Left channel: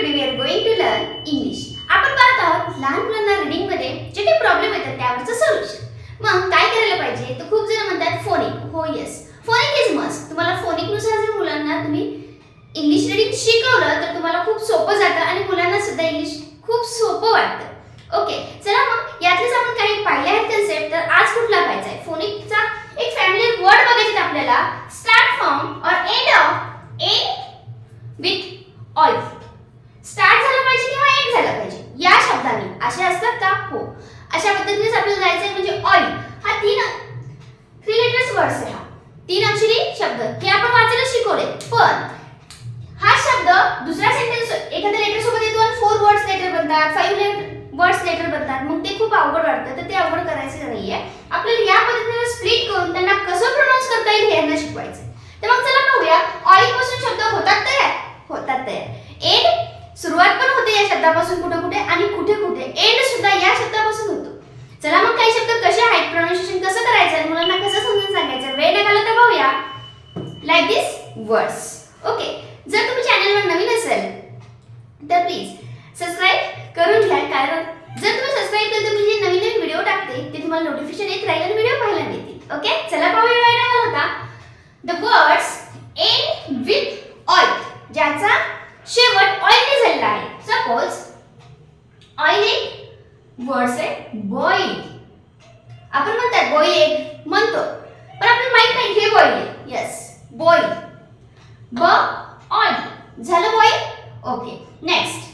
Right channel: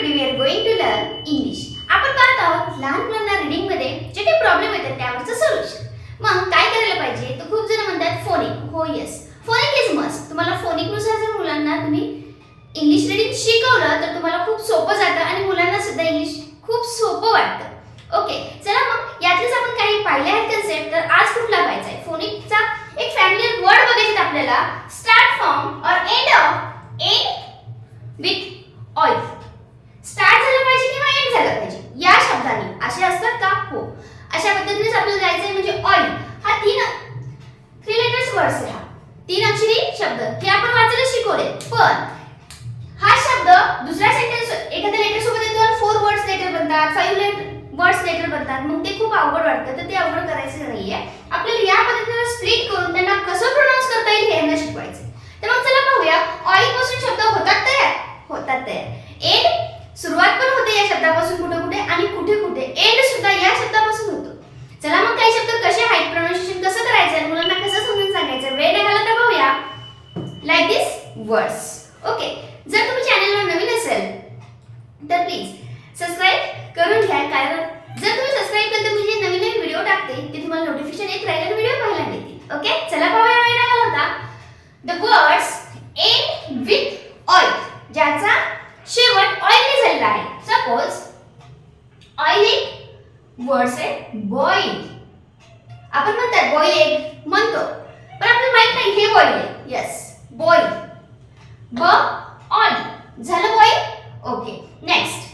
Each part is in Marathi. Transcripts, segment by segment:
today we are going to learn English. आपण पाहत आहोत लहान मुलांना रीडिंग मध्ये जे काही प्रॉब्लेम येतात त्यावरचं सोल्युशन. मग काय करायला पाहिजे तर खूप जण म्हणतात फोनिक. हो यस, फोनिक इज मस्ट. तुम्हाला फोनिक नुसार जर मुलांना तुम्ही इंग्लिश रीडिंग शिकवलं तर तुम्हाला खूप सोपं जातं आणि मुलांना सुद्धा इंग्लिश खूप सोपं वाटतं. ओके, चला मग यातलेच आपण काही पाहिले आहेत कन्सेप्ट. तर आज कुठला पाहायचा आहे? फोनिकचा एक फॅमिलियर वर्ड बघायचे आपल्याला. स्टार्ट फ्रॉम और एंड विथ ऑइल. स्टार्ट झालं पाहिजे किंवा एंड झालं पाहिजे या शब्दांनी. असे असतात का? हो, अशा पद्धतीनेच आपल्याला जायचंय. म्हणजे ऑइल हा थ्री लेटर्स वर्ड्स आहे. हा 3 अक्षरी शब्द हे आपण वाचायला शिकवले. पण हा शब्द दुसऱ्या सेंटेन्स एखाद्या लेटर सोबत येतो आणि 4 वर्ड्स लेटर बनतात, 5 वर्ड्स लेटर बनतात. मग ते खूप अवघड वाटतं. तर ते अवघड करायचं नाहीये. आपल्याला या पद्धतीने स्प्लिट करून त्यांना कसं प्रोनाउन्स करता येईल हे यांना शिकवायचं. तर मग चला पाहूया. ऑइल पासून शब्द होतात तयार. एंड सुरुवात पण होते या शब्दापासून कुठे कुठे आणि कुठे कुठे एंड सुद्धा या शब्दापासून होतो. चला मग काही शब्द कसे आहेत, प्रोनाउन्सिएशन कसं करायचं, मुलांना कसं समजून सांगायचं, वेळ न घालवता पाहूया. लाईक दिस वर्ड्स. ओके, जर तुम्ही चॅनलवर नवीन असेल तर प्लीज सबस्क्राइब करून घ्या. कारण जर तुम्ही सबस्क्राइब केलं तर मी जे नवीन व्हिडिओ टाकते ते तुम्हाला नोटिफिकेशन येत राहील आणि व्हिडिओ पाहायला मिळतील. ओके, चला पाहूया. वेळ न घालवता the words end with oil, ज्याचा शेवट ऑइलने झालेला आहे. सपोज ऑइल एक वर्ड्स आहे बॉईल. आपण म्हणतात बॉईल एग म्हणतो, पण आपल्याला माहित नाही हे बॉईल आहे. Yes, boil. ब ऑइल झालं बॉईल. Okay, next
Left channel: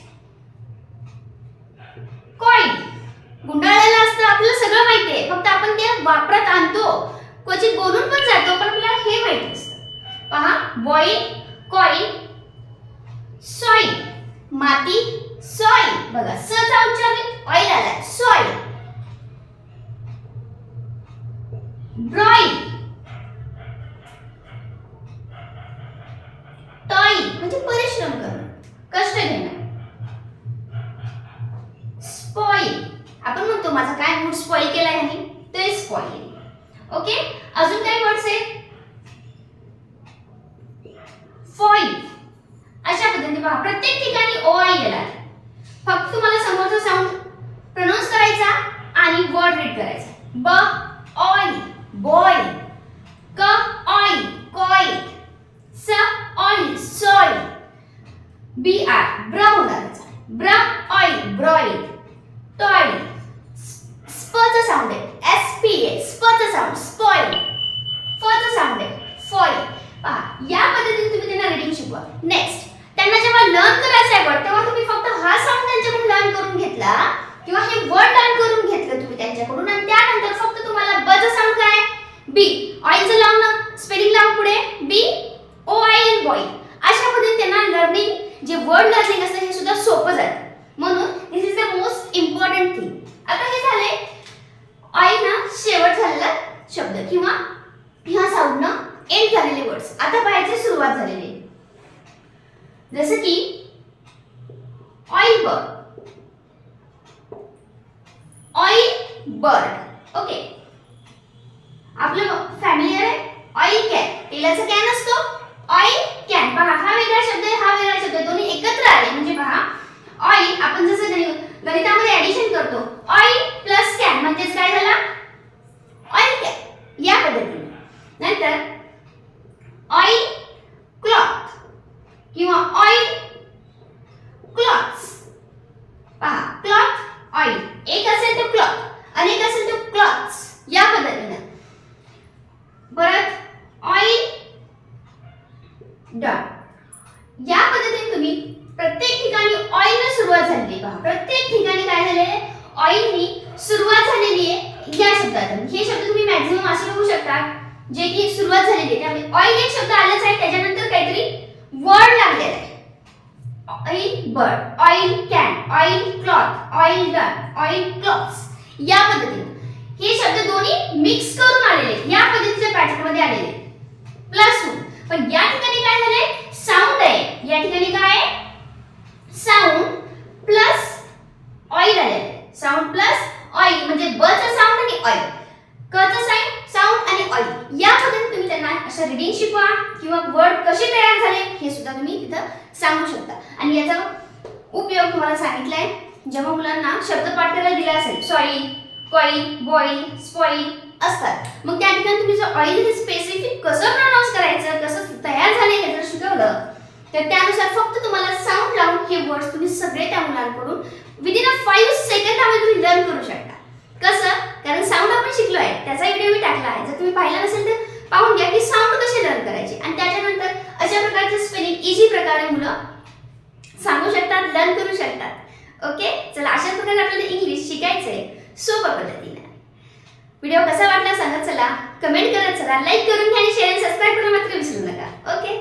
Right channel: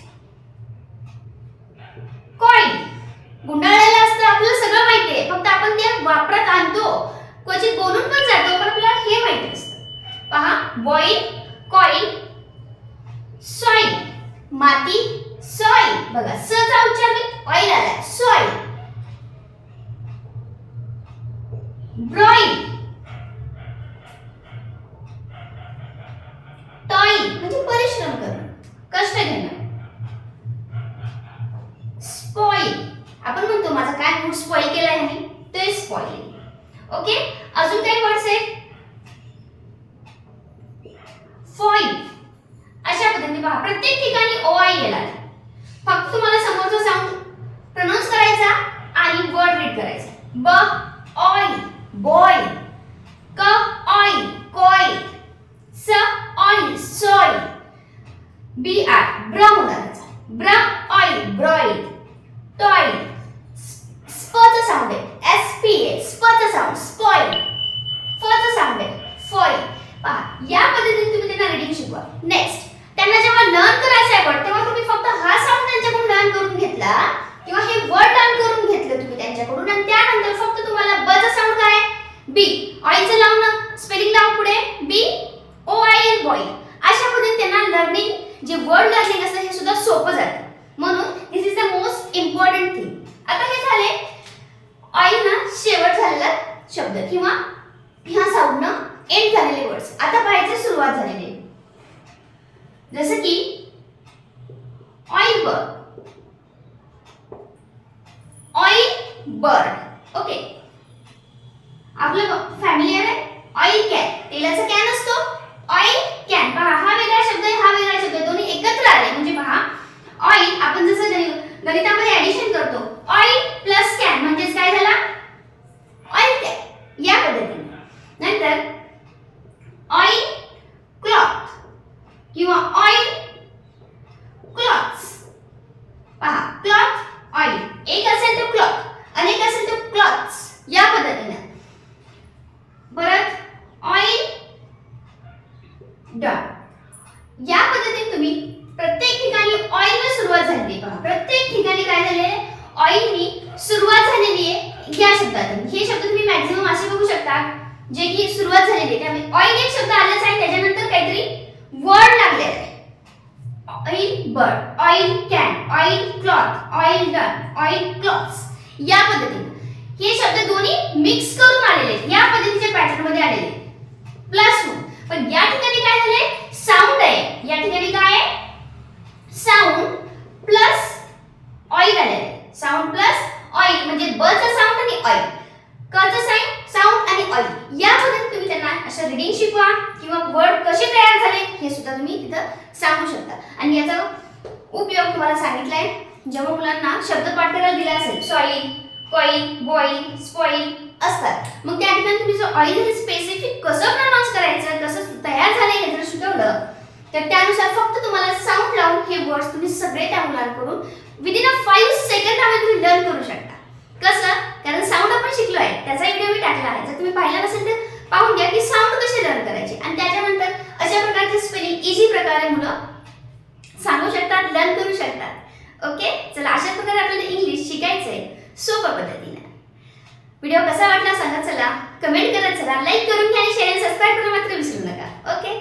coil. गुंडाळलेलं असतं, आपल्याला सगळं माहिती आहे, फक्त आपण ते वापरात आणतो, क्वचित बोलून पण जातो, पण आपल्याला हे माहिती असतं. पहा, बॉईल, कॉईल. सॉइल माती, सॉइल. बघा, स चा उच्चार ऑइल आला, सॉइल. ब्रॉईल, टॉईल म्हणजे परिश्रम करणं, कष्ट घेणं. स्पॉइल, आपण म्हणतो माझा काय मूड स्पॉइल केलाय आणि ते स्पॉइल. ओके, अजून काही वर्ड्स आहेत. फॉईल. अशा पद्धतीने पहा, प्रत्येक ठिकाणी ओ आय येणार. फक्त तुम्हाला समोरचा साऊंड प्रोनाउन्स करायचा आणि वर्ड रीड करायचा. ब ऑइल, बॉईल. क ऑइल, कॉईल. स ऑइल, सॉइल. बी आर ब्राउन करायचा. ब्र ऑइल, ब्रॉईल. टॉईल. स्प चा साऊंड आहे, एस पी ए. स्प चा साऊंड, स्पॉइल. फ चा साऊंड आहे, फॉईल. पहा, या पद्धतीने तुम्ही त्यांना रीडिंग शिकवा. नेक्स्ट, त्यांना जेव्हा लर्न करायचं आहे वर्ड, तेव्हा तुम्ही फक्त हा साऊंड त्यांच्याकडून लर्न करून घेतला किंवा हे वर्ड लर्न करून घेतलं तुम्ही त्यांच्याकडून आणि त्यानंतर फक्त तुम्हाला ब चा साऊंड काय आहे, बी. ऑइलचं लावून ना, स्पेलिंग लावून पुढे B O I L, boil. अशा पद्धतीने त्यांना लर्निंग जे वर्ड लर्निंग असतं हे सुद्धा सोपं जातं. म्हणून this is the most important thing. आता हे झाले ऑइल ना शेवट झालेला शब्द किंवा ह्या साऊंडनं एंड झालेले वर्ड्स. आता पाहायचे सुरुवात झालेली, जसं की oil bird, oil bird. Okay, आपलं फॅमिलियर आहे. ऑइल कॅन, तेलाचा कॅन असतो. Oil can. पहा, हा वेगळा शब्द आहे, हा वेगळा शब्द, दोन्ही एकत्र आले म्हणजे पहा, ऑइल आपण जसं गणितामध्ये ऍडिशन करतो, ऑइल प्लस कॅन म्हणजेच काय झाला, ऑइल कॅन. या पद्धतीने. नंतर ऑइल क्लॉथ किंवा ऑइल क्लॉथ्स. पहा, क्लॉथ ऑइल, एक असेल तर क्लॉथ, अनेक असेल तर क्लॉथ्स. या पद्धतीने. परत ऑइल डन. या पद्धतीने तुम्ही प्रत्येक ठिकाणी ऑइलने सुरुवात झालेली. पहा, प्रत्येक ठिकाणी काय झालेले, ऑइलनी सुरुवात झालेली आहे या शब्दातून. हे शब्द तुम्ही मॅक्सिमम असे बघू शकता जे की सुरुवात झालेली आहे. त्यामुळे ऑइल एक शब्द आलाच आहे, त्याच्यानंतर काहीतरी वर्ड लागलेला आहे. Oil bird, oil can, oil cloth, oil done, oil clothes. या पद्धतीने हे शब्द दोन्ही मिक्स करून आलेले आहेत, या पद्धतीच्या पॅटर्न मध्ये आलेले प्लस होऊन. पण या ठिकाणी काय झाले, साऊंड आहे. या ठिकाणी काय आहे, साऊंड प्लस ऑइल आलेले. साऊंड प्लस ऑइल म्हणजे ब चा साऊंड आणि ऑइल, क चा साऊंड आणि ऑइल. या पद्धतीने तुम्ही त्यांना अशा रीडिंग शिकवा किंवा वर्ड कसे तयार झाले हे सुद्धा तुम्ही तिथं सांगू शकता. आणि याचा उपयोग तुम्हाला सांगितला आहे. जेव्हा मुलांना शब्द पाठ करायला दिला असेल, सॉइल, कॉईल, बॉईल, स्पॉईल असतात, मग त्या ठिकाणी तुम्ही जो ऑइल हे स्पेसिफिक कसं प्रोनाउन्स करायचं, कसं तयार झाले हे जर शिकवलं तर त्यानुसार फक्त तुम्हाला साऊंड लावून हे वर्ड्स तुम्ही सगळे त्या मुलांकडून विदिन 5 सेकंदामध्ये तुम्ही लर्न करू शकता. कसं? कारण साऊंड आपण शिकलो आहे, त्याचा व्हिडिओ मी टाकला आहे. जर तुम्ही पाहिला नसेल तर पाहून घ्या की साऊंड कसे लर्न करायचे, आणि त्याच्यानंतर अशा प्रकारचे स्पेलिंग इझी प्रकारे मुलं सांगू शकतात, लर्न करू शकतात. ओके, चला अशा प्रकारे आपल्याला इंग्लिश शिकायचंय सोप्या पद्धतीने. व्हिडिओ कसा वाटला सांगत चला, कमेंट करत चला, लाईक करून घ्या आणि शेअर आणि सबस्क्राईब करून मात्र विसरू नका. ओके.